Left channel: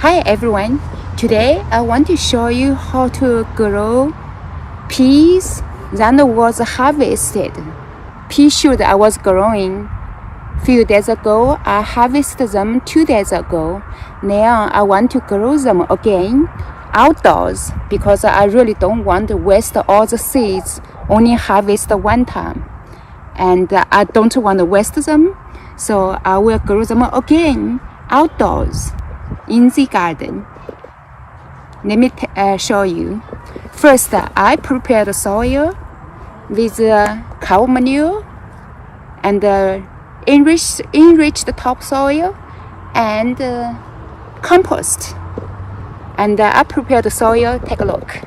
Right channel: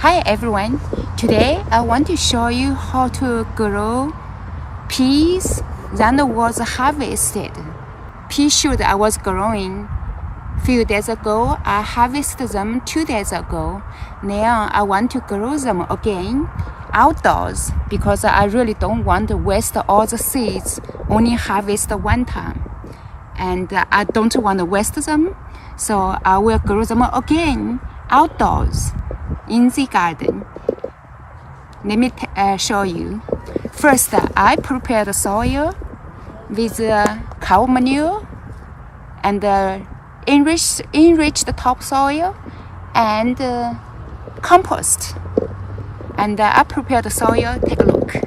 Hi everyone, today I want to show you how to grow peas that was harvested. Pea shoot I was growing few days ago. I harvested them 2 days ago. Now I want to grow them again outdoors because I really don't want to waste all the seeds, only harvest one time. And I don't want to waste them, so I will grow them again outdoors in the garden. Let me show you. First, I prepare the soil with cow manure and enriched topsoil and compost. And I prepare the soil. Take a look.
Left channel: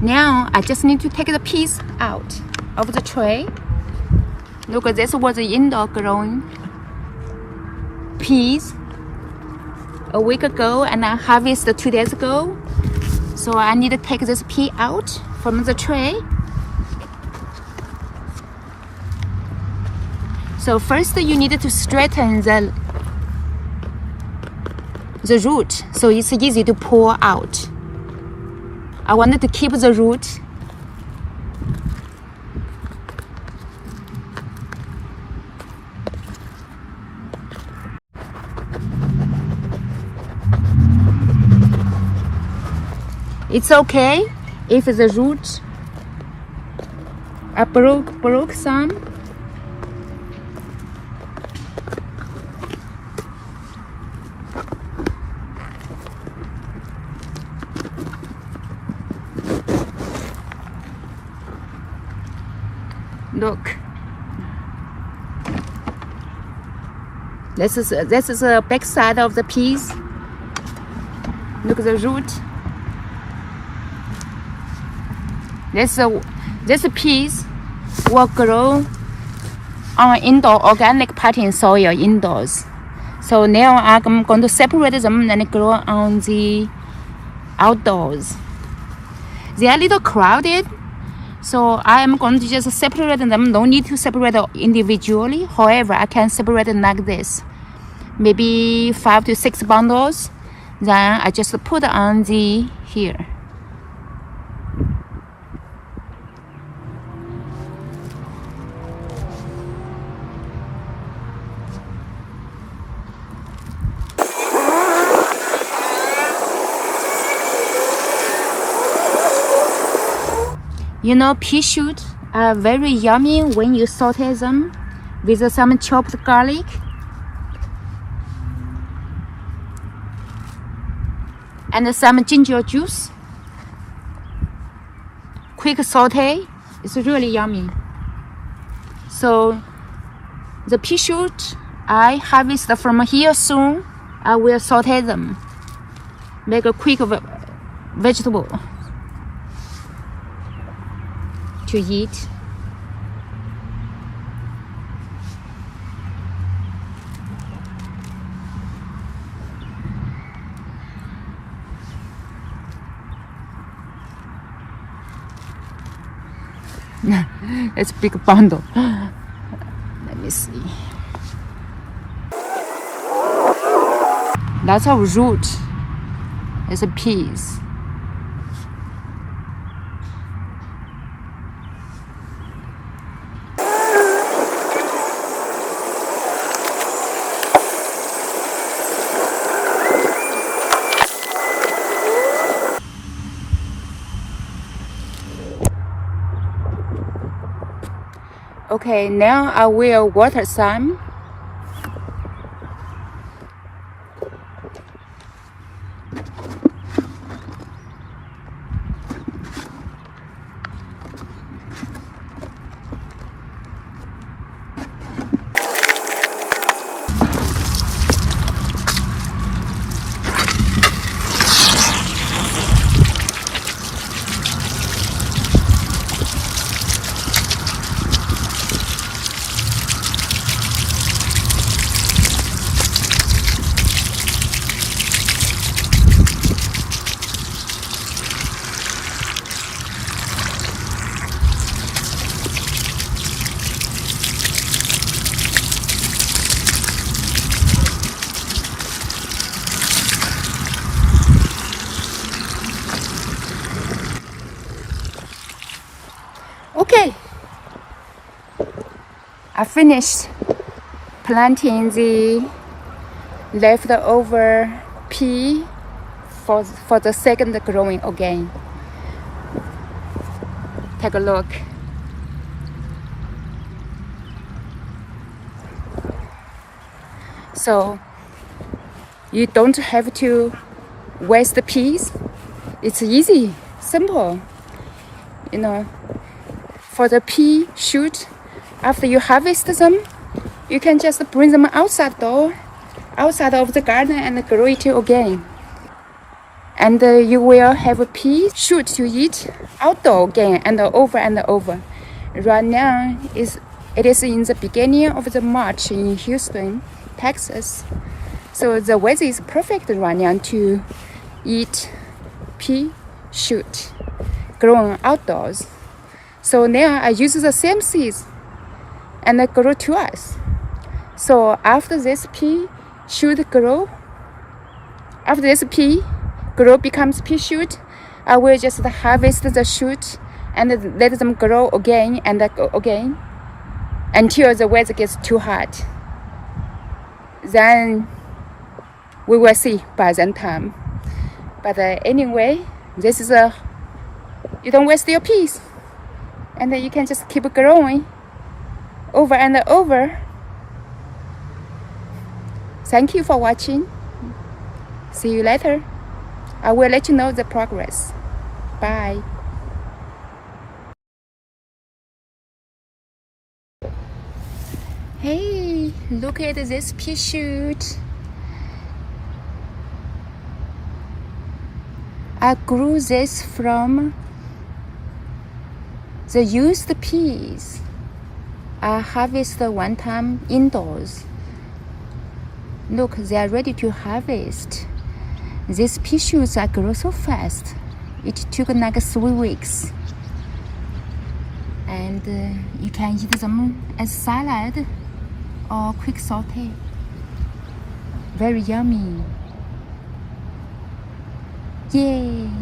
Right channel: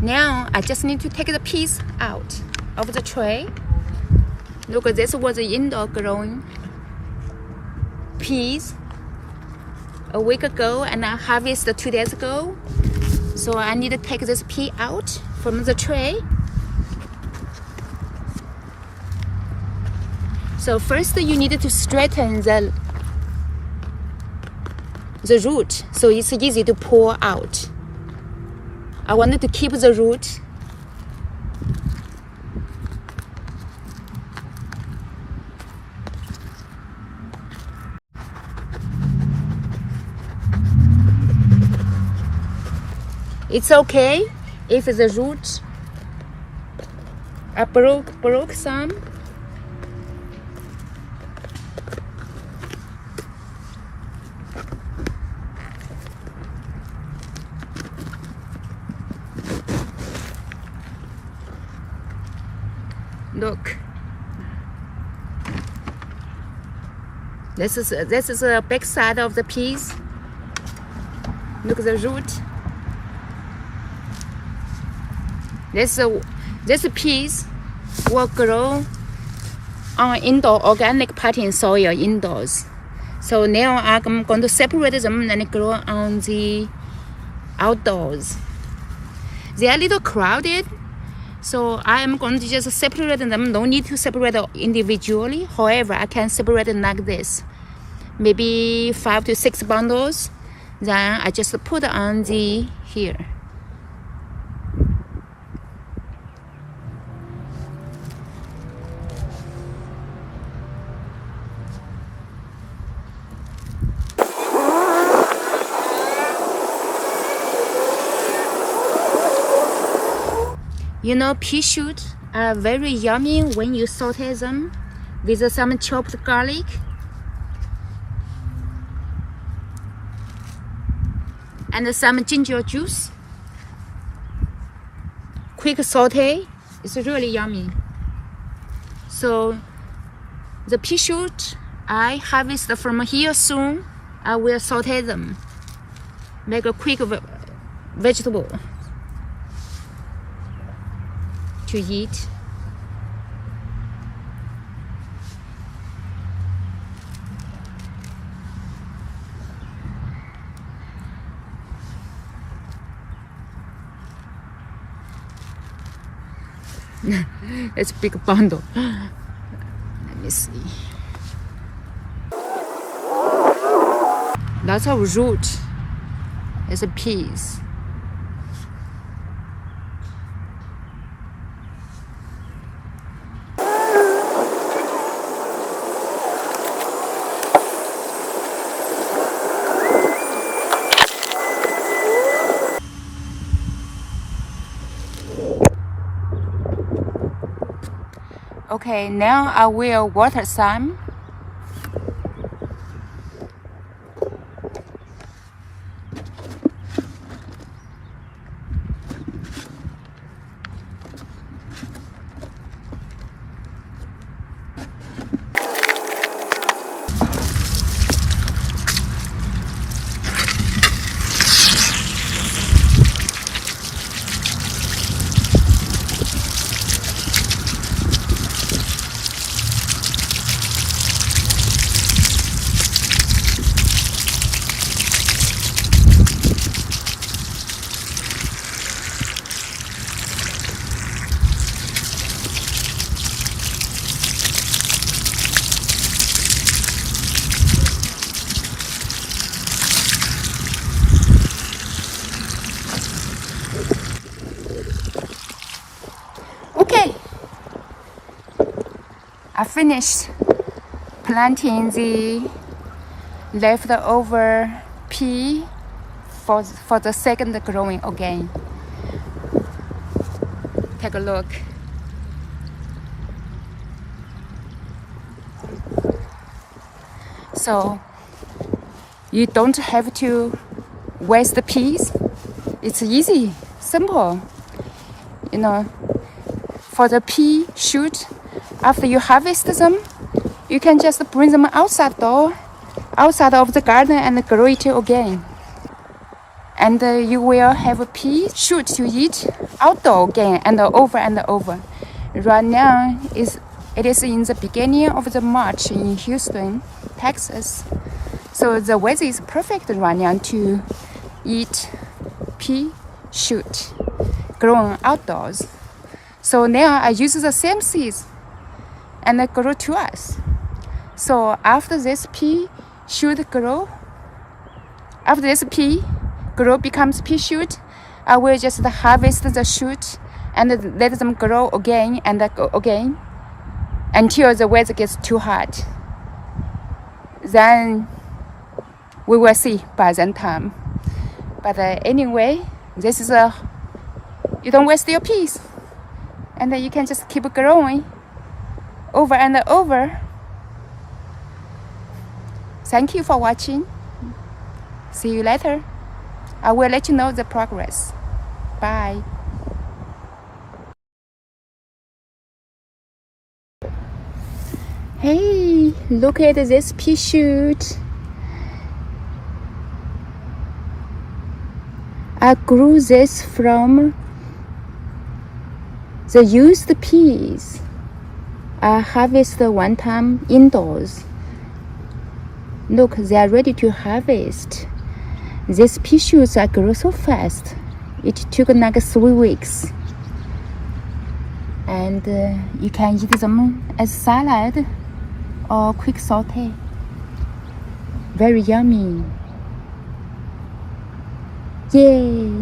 Now I just need to take the peas out of the tray. Look, this was indoor growing peas a week ago, and I harvested 2 days ago. So I need to take this pea out from the tray. So first you need to straighten the root so it's easy to pull out. I wanted to keep the root. It's okay if the root I broke some. Look, this is the back side of the peas. Look at the root. This peas will grow on indoor organic potting soil indoors. So now I'm going to separate them and grow on the outdoors. They are a little crowded, so I am going to just separate them. No need to separate individually. However, I can separate it like this. Maybe 5 to 6 bundles. Then I just put on the here. You know, pea shoots are very yummy when you saute them with some chopped garlic. And some ginger juice. Quick saute, it's really yummy. So the pea shoot I harvest from here soon. I will saute them, make a quick vegetable to eat. It's a big bundle. Let me see. Lots of root. It's a peas. Okay, now I will water some. I finished planting the leftover pea for the second growing again. Take a look. So you don't have to waste the peas. It's easy, simple. You know, for the pea shoot, after you harvest them, you can just bring them outside of the garden and grow it again. And you will have a pea shoot to eat outdoor again and over and over. Right now, it is in the beginning of the March in Houston, Texas. So the weather is perfect right now to eat pea shoot grown outdoors. So now I use the same seeds and I grow twice. So after this pea shoot grow, after this pea grow becomes pea shoot, I will just harvest the shoot and let them grow again and again until the weather gets too hot. Then we will see by that time. But anyway, this is you don't waste your peas, and then you can just keep growing over and over. Thank you for watching. See you later. I will let you know the progress. Bye. Hey, look at this pea shoot. I grew this from the used peas. I harvested one time indoors. Look, they are ready to harvest. These pea shoots grow so fast. It took like 3 weeks. And you can eat them as salad or quick saute. Very yummy. Yay!